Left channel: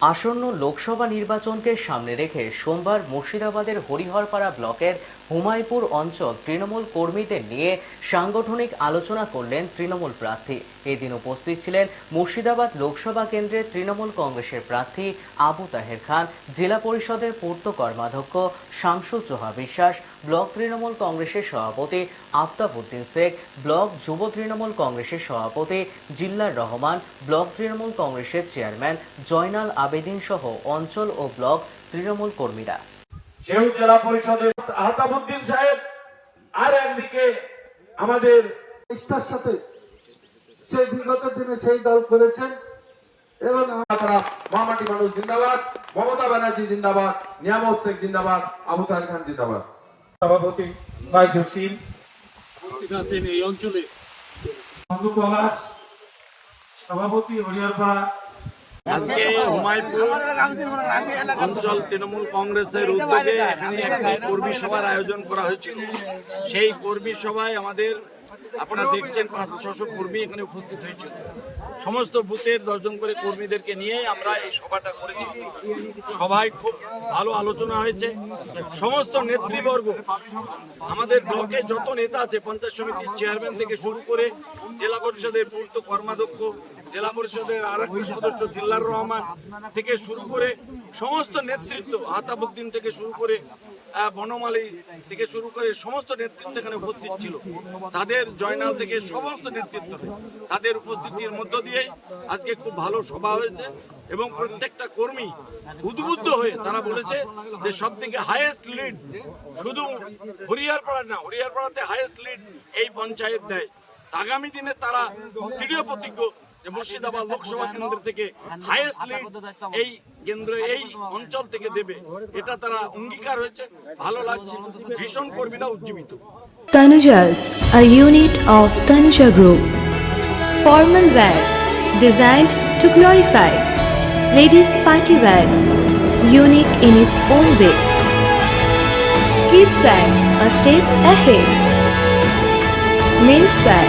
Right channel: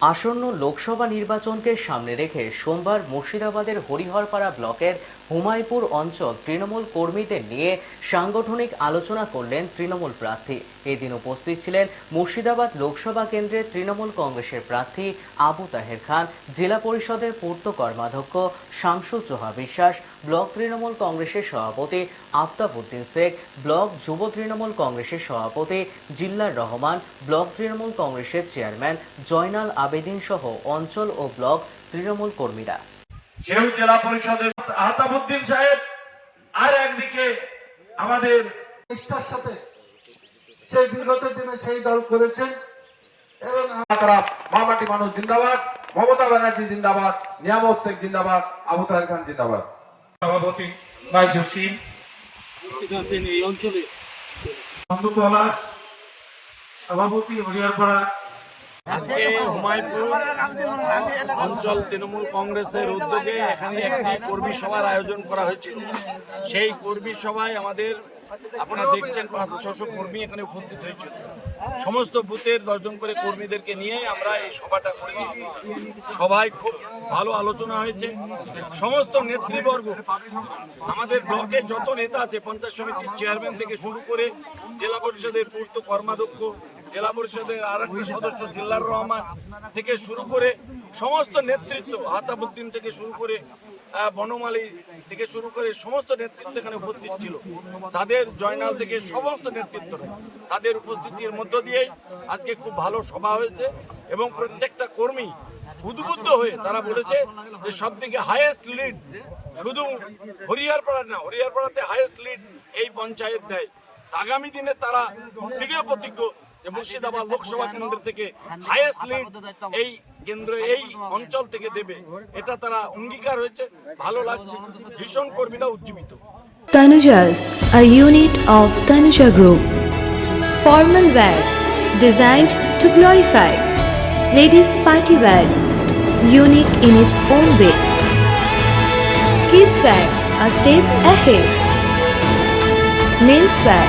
আসন্ন লোকসভা নির্বাচনকে সামনে রেখে সোমবার মুর্শিদাবাদের হরিহরপাড়া ব্লকের হুমায়পুর অঞ্চল তৃণমূল কর্মীদের নিয়ে সাংগঠনিক আলোচনা করলেন তৃণমূল প্রার্থী। এদিন উপস্থিত ছিলেন মুর্শিদাবাদ লোকসভা কেন্দ্রের তৃণমূল কংগ্রেসের প্রার্থী আবু তাহের খান, জেলা পরিষদের পূর্ত কর্মাধ্যক্ষ শামসু চোহা বিশ্বাস, ব্লক তৃণমূল কংগ্রেসের সভাপতি আফতাবউদ্দিন শেখ, ব্লক যুব তৃণমূল কংগ্রেসের সভাপতি জিল্লার রহমান, ব্লক তৃণমূল কংগ্রেসের চেয়ারম্যান জয়নাল আবেদিন সহ অঞ্চল ও ব্লক তৃণমূল কর্মীরা। সেও জেলা পরিষদের আহতাবুদ্দিন সাহেব আর একদিকে আমাদের নিষ্ঠার সাথে সেই বিগত দিনে সেই দল করেছেন এবং তারা মামাটি মানুষ জিন্দাবাদ মমতা ব্যানার্জি জিন্দাবাদ নিয়ামত শেখ জিন্দাবাদ আবু তাহের খান জিন্দাবাদ। সভাপতি উপস্থিত আছেন এই অঞ্চলে। সভাপতি হরিয়ারপাড়া আজকে হুমায়পুর অঞ্চল তৃণমূল কংগ্রেসের উদ্যোগে এখানে একটি কর্মী সভার আয়োজন করা হয়েছিল। সেই কর্মী সভায় আমাদের আপনারা দেখছেন পাঁচ ছশো কর্মী এখানে উপস্থিত হয়েছিল। সমস্ত বুথের দশজন করে কর্মীদেরকে নিয়ে আমরা এই সভাটা করেছি। সভায় খুব ভালো আলোচনা হয়েছে। সমস্ত নেতৃবর্গ, আমাদের ব্লকে যত নেতা আছে, পঞ্চায়েত সমিতির চেয়ারম্যান থেকে শুরু করে জেলা পরিষদের পূর্ত কর্মাধ্যক্ষ জেলা পরিষদের আর সদস্য জিল্লার রহমান থেকে শুরু করে সমস্ত নেতৃত্ব, আতাবুদ্দিন থেকে শুরু করে বনমালী থেকে শুরু করে সমস্ত নেতৃত্ব এখানে উপস্থিত ছিল। তাদের জয়নাল থেকে সমস্ত নেতৃত্ব তাদের উপস্থিতির মধ্য দিয়েই আজকে খুব ভালো সভা হয়েছে এবং প্রত্যেকটা কর্মী উদ্বুদ্ধ হয়ে তারা বলেছে যে সব থেকে হাইয়েস্ট লিড শুধু হরিয়ারপাড়া না হরিয়ারপাড়াতে হাইয়েস্ট লিড এই পঞ্চায়েত দেয়। আগামী দিনে তারা দৃঢ় প্রতিজ্ঞ যে মুর্শিদাবাদ লোকসভা কেন্দ্র থেকে হাইয়েস্ট লিড এই কেন্দ্র এই অঞ্চল থেকে দেবে এটা তারা অঙ্গীকার হয়েছে ভালো লাগছে ভীষণ কর্মীরা উজ্জীবিত Tanujas, a unit of Tanuja Group. Formal wear designed to glorify. Ladies party wear, unique in its own way. Kids wear, a step ahead. Men's wear,